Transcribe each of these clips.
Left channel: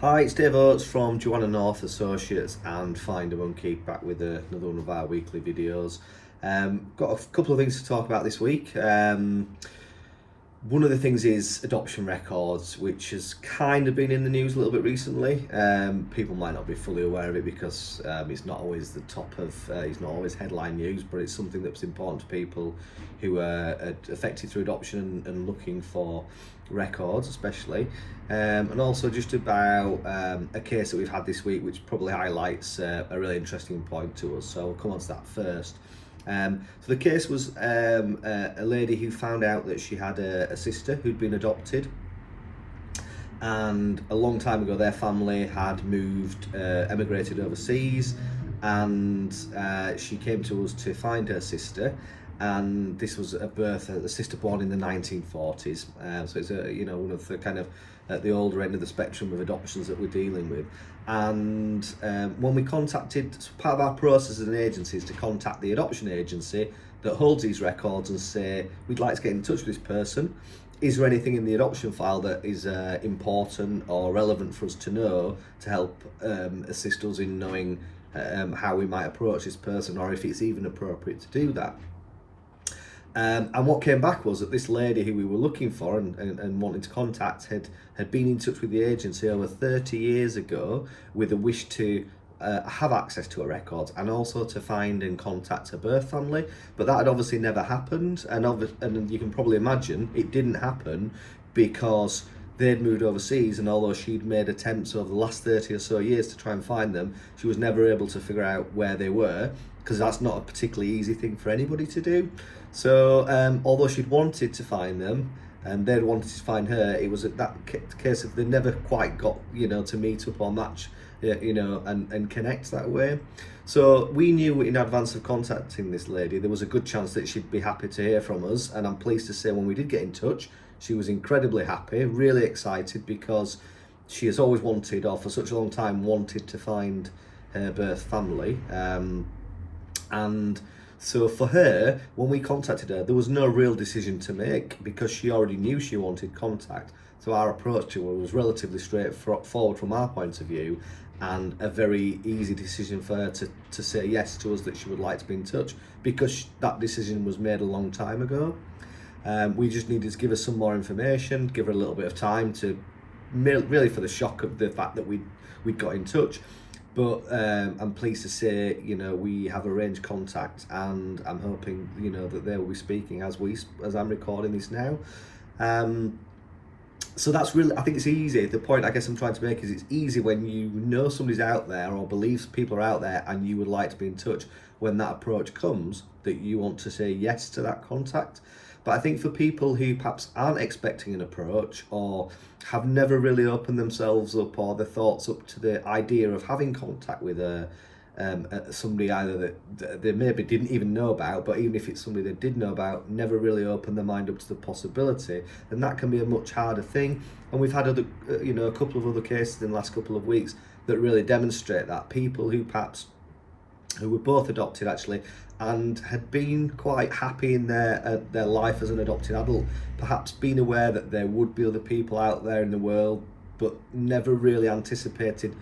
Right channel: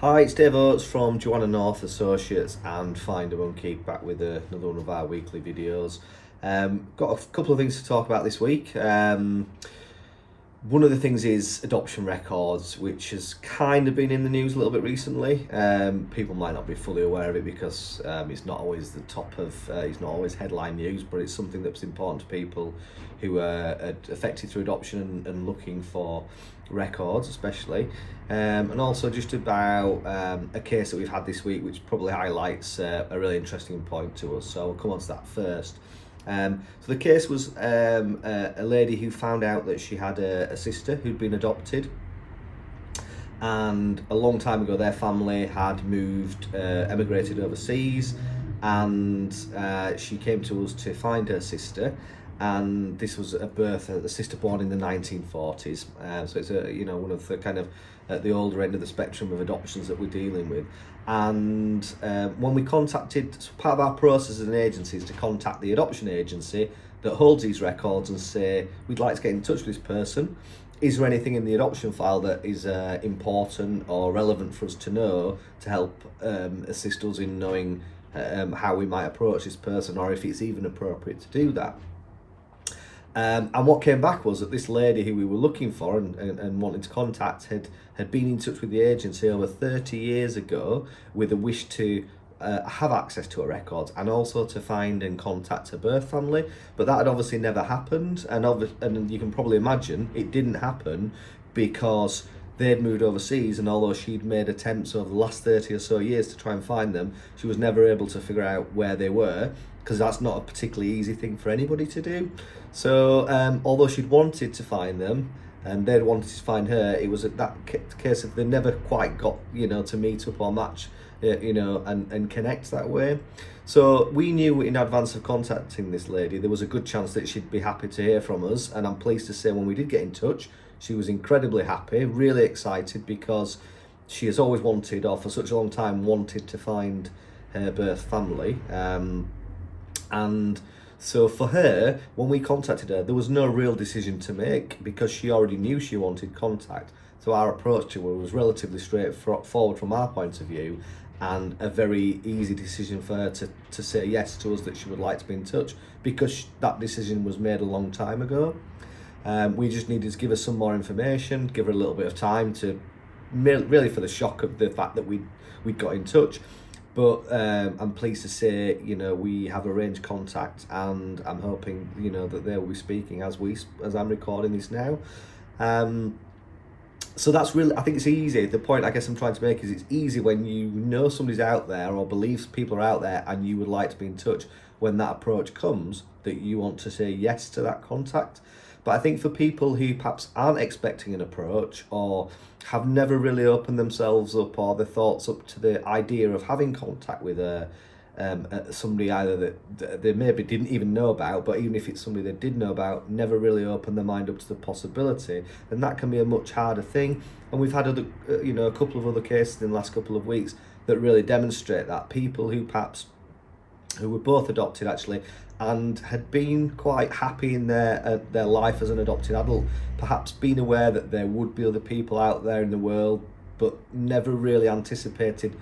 Hi, it's Dave Oates from Joanna North Associates and FinderMonkey, back with another one of our weekly videos. Got a couple of things to talk about this week. One of the things is adoption records, which has kind of been in the news a little bit recently. People might not be fully aware of it because it's not always the top of, it's not always headline news, but it's something that's important to people who are affected through adoption and looking for records especially, and also just about a case that we've had this week which probably highlights a really interesting point to us, so I'll come on to that first. So the case was a lady who found out that she had a sister who'd been adopted, and a long time ago their family had moved, emigrated overseas, and she came to us to find her sister. And this was a sister born in the 1940s. So it's one of the kind of at the older end of the spectrum of adoptions that we're dealing with. And when we contacted, so part of our process as an agency is to contact the adoption agency that holds these records and say, we'd like to get in touch with this person. Is there anything in the adoption file that is important or relevant for us to know to help assist us in knowing how we might approach this person, or if it's even appropriate to do that? And what came back was that this lady who we were looking for and wanting to contact had been in touch with the agency over 30 years ago with a wish to have access to her records and also to find and contact her birth family, but that had obviously never happened, and you can probably imagine it didn't happen because they'd moved overseas, and although she'd made attempts over the last 30 or so years to try and find them, she was never able to figure out where they were, because that's not a particularly easy thing for anybody to do. So although she'd wanted to find them and they'd wanted to find her, it was that case of they never quite got to meet up or match and connect that way. So we knew in advance of contacting this lady there was a good chance that she'd be happy to hear from us, and I'm pleased to say when we did get in touch she was incredibly happy, really excited, because she has always wanted, or for such a long time wanted, to find her birth family. And so for her, when we contacted her, there was no real decision to make because she already knew she wanted contact. So our approach to her was relatively straightforward from our point of view, and a very easy decision for her to say yes to us that she would like to be in touch, because that decision was made a long time ago. We just needed to give her some more information, give her a little bit of time to really for the shock of the fact that we'd got in touch. But I'm pleased to say, we have arranged contact, and I'm hoping, that they will be speaking as I'm recording this now. So that's really, I think it's easy. The point I guess I'm trying to make is it's easy when you know somebody's out there or believes people are out there and you would like to be in touch, when that approach comes, that you want to say yes to that contact. But I think for people who perhaps aren't expecting an approach, or have never really opened themselves up or their thoughts up to the idea of having contact with somebody either that they maybe didn't even know about, but even if it's somebody they did know about, never really opened their mind up to the possibility, then that can be a much harder thing. And we've had a couple of other cases in the last couple of weeks that really demonstrate that. People who were both adopted actually, and had been quite happy in their life as an adopted adult, perhaps been aware that there would be other people out there in the world, but never really anticipated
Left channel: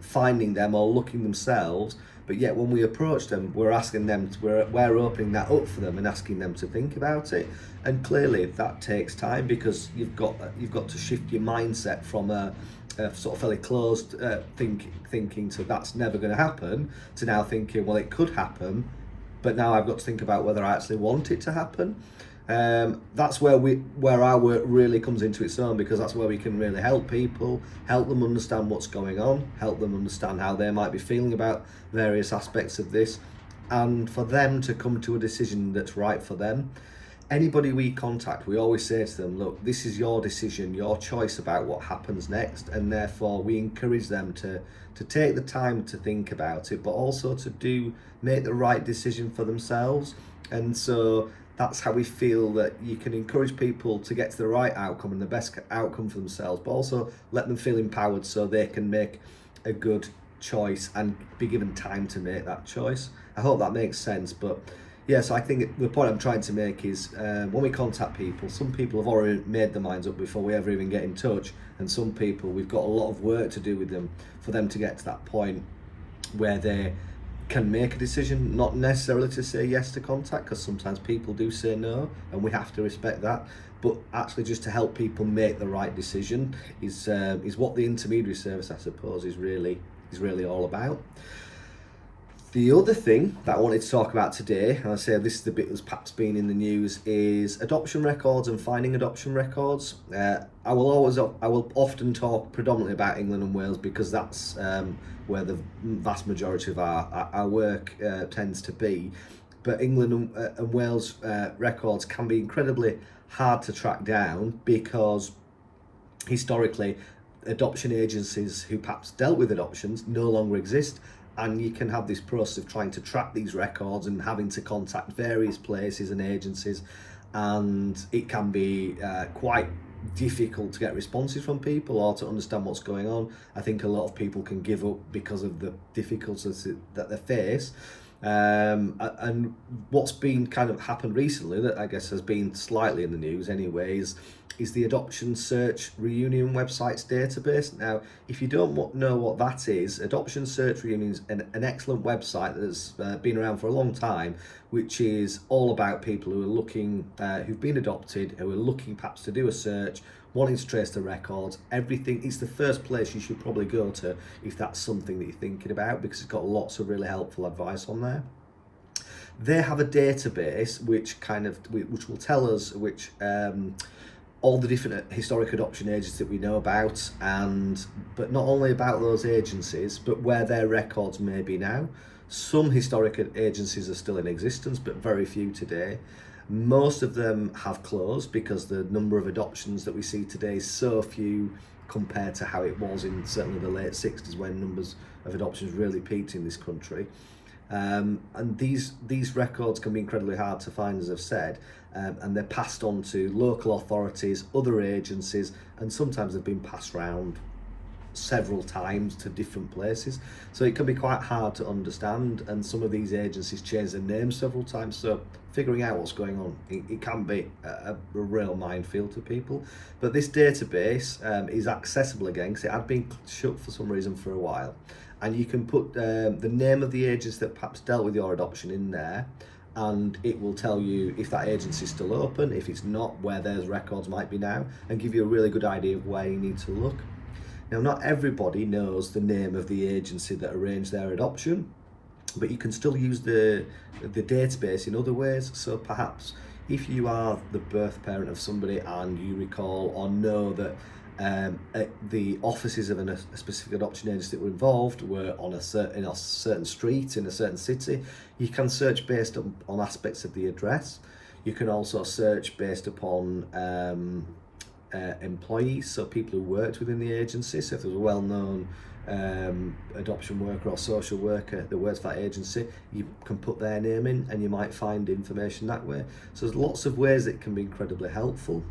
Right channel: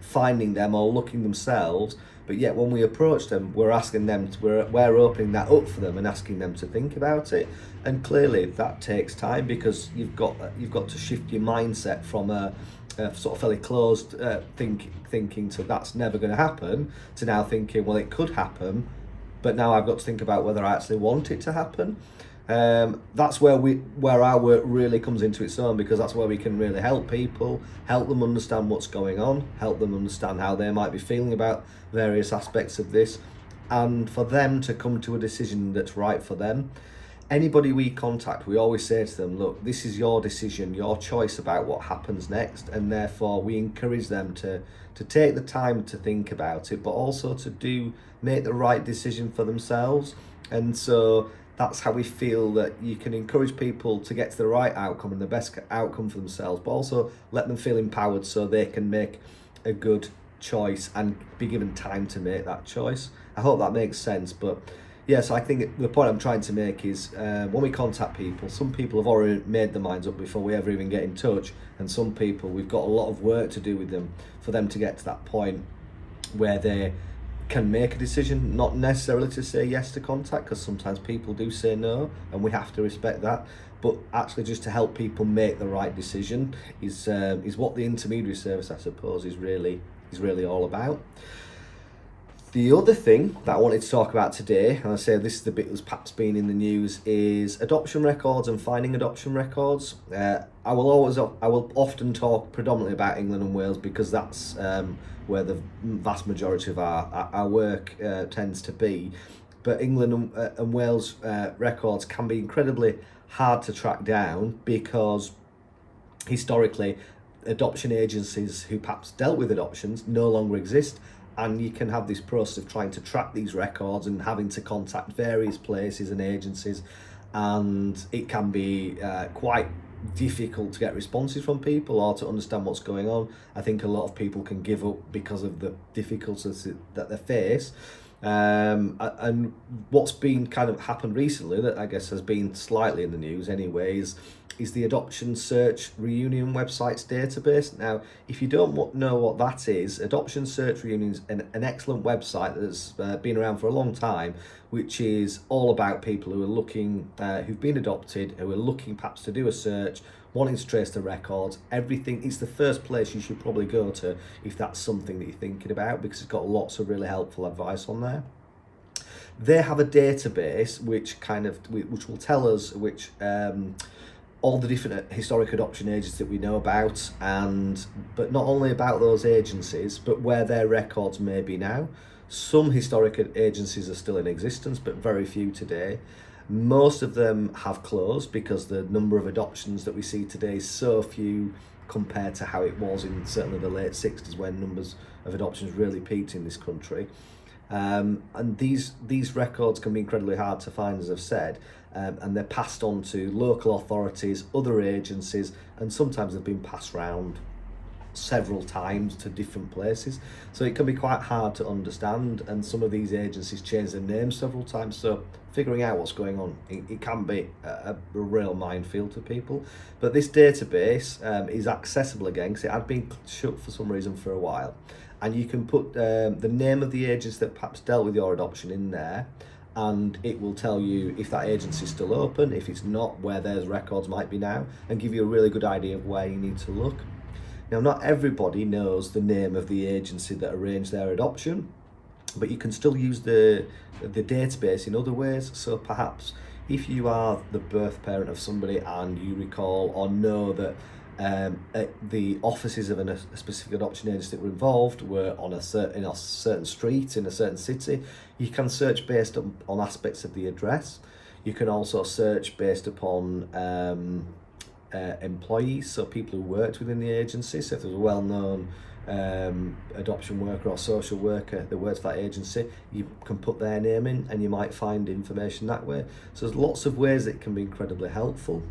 finding them or looking themselves. But yet when we approach them, we're asking them we're opening that up for them and asking them to think about it. And clearly that takes time, because you've got to shift your mindset from a sort of fairly closed thinking to that's never going to happen, to now thinking, well, it could happen, but now I've got to think about whether I actually want it to happen. That's where our work really comes into its own, because that's where we can really help people, help them understand what's going on, help them understand how they might be feeling about various aspects of this, and for them to come to a decision that's right for them. Anybody we contact, we always say to them, look, this is your decision, your choice about what happens next, and therefore we encourage them to take the time to think about it, but also to make the right decision for themselves. And so that's how we feel that you can encourage people to get to the right outcome and the best outcome for themselves, but also let them feel empowered so they can make a good choice and be given time to make that choice. I hope that makes sense, but Yes, I think the point I'm trying to make is when we contact people, some people have already made their minds up before we ever even get in touch, and some people we've got a lot of work to do with them for them to get to that point where they can make a decision, not necessarily to say yes to contact, because sometimes people do say no, and we have to respect that. But actually, just to help people make the right decision is what the intermediary service, I suppose, is really all about. The other thing that I wanted to talk about today, and I say this is the bit that's perhaps been in the news, is adoption records and finding adoption records. I will often talk predominantly about England and Wales because that's where the vast majority of our work tends to be. But England and Wales records can be incredibly hard to track down because historically adoption agencies who perhaps dealt with adoptions no longer exist. And you can have this process of trying to track these records and having to contact various places and agencies, and it can be quite difficult to get responses from people or to understand what's going on. I think a lot of people can give up because of the difficulties that they face. And what's been kind of happened recently that I guess has been slightly in the news anyways is the Adoption Search Reunion website's database. Now, if you don't know what that is, Adoption Search Reunion is an excellent website that's been around for a long time, which is all about people who are looking, who've been adopted, who are looking perhaps to do a search, wanting to trace the records, everything. It's the first place you should probably go to if that's something that you're thinking about, because it's got lots of really helpful advice on there. They have a database which will tell us which all the different historic adoption agencies that we know about, but not only about those agencies, but where their records may be now. Some historic agencies are still in existence, but very few today. Most of them have closed because the number of adoptions that we see today is so few compared to how it was in certainly the late 60s when numbers of adoptions really peaked in this country. And these records can be incredibly hard to find, as I've said, and they're passed on to local authorities, other agencies, and sometimes they've been passed around several times to different places. So it can be quite hard to understand, and some of these agencies change their names several times, so figuring out what's going on, it can be a real minefield to people. But this database is accessible again because it had been shut for some reason for a while. And you can put the name of the agency that perhaps dealt with your adoption in there, and it will tell you if that agency is still open, if it's not, where those records might be now, and give you a really good idea of where you need to look. Now, not everybody knows the name of the agency that arranged their adoption, but you can still use the database in other ways. So perhaps if you are the birth parent of somebody and you recall or know that the offices of a specific adoption agency that were involved were in a certain street in a certain city, you can search based on aspects of the address. You can also search based upon employees, so people who worked within the agency. So if there's a well-known adoption worker or social worker that works for that agency, you can put their name in and you might find information that way. So there's lots of ways that it can be incredibly helpful.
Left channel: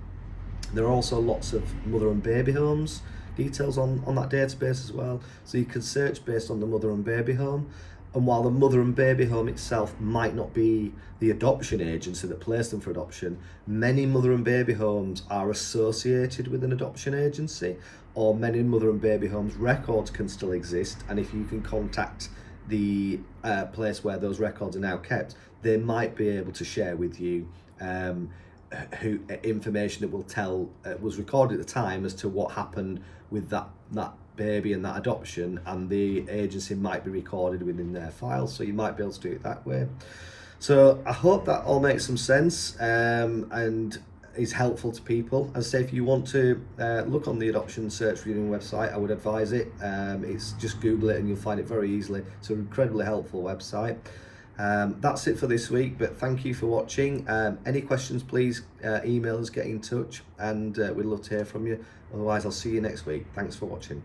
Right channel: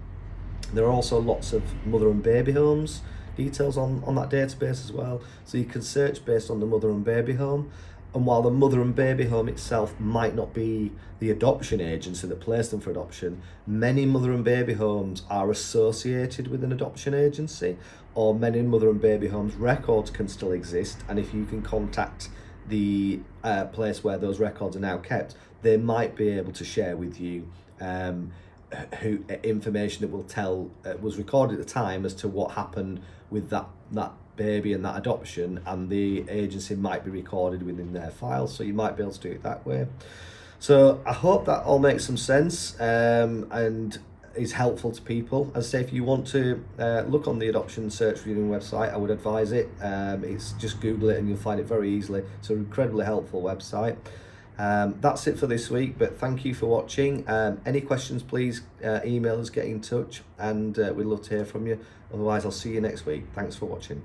There are also lots of mother and baby homes details on that database as well. So you can search based on the mother and baby home. And while the mother and baby home itself might not be the adoption agency that placed them for adoption, many mother and baby homes are associated with an adoption agency, or many mother and baby homes records can still exist. And if you can contact the place where those records are now kept, they might be able to share with you information that will tell was recorded at the time as to what happened with that baby and that adoption, and the agency might be recorded within their files, so you might be able to do it that way. So I hope that all makes some sense and is helpful to people. As I say, if you want to look on the Adoption Search Reunion website, I would advise it. It's just Google it and you'll find it very easily. It's an incredibly helpful website. That's it for this week, but thank you for watching. Any questions, please email us, get in touch, and we'd love to hear from you. Otherwise, I'll see you next week. Thanks for watching.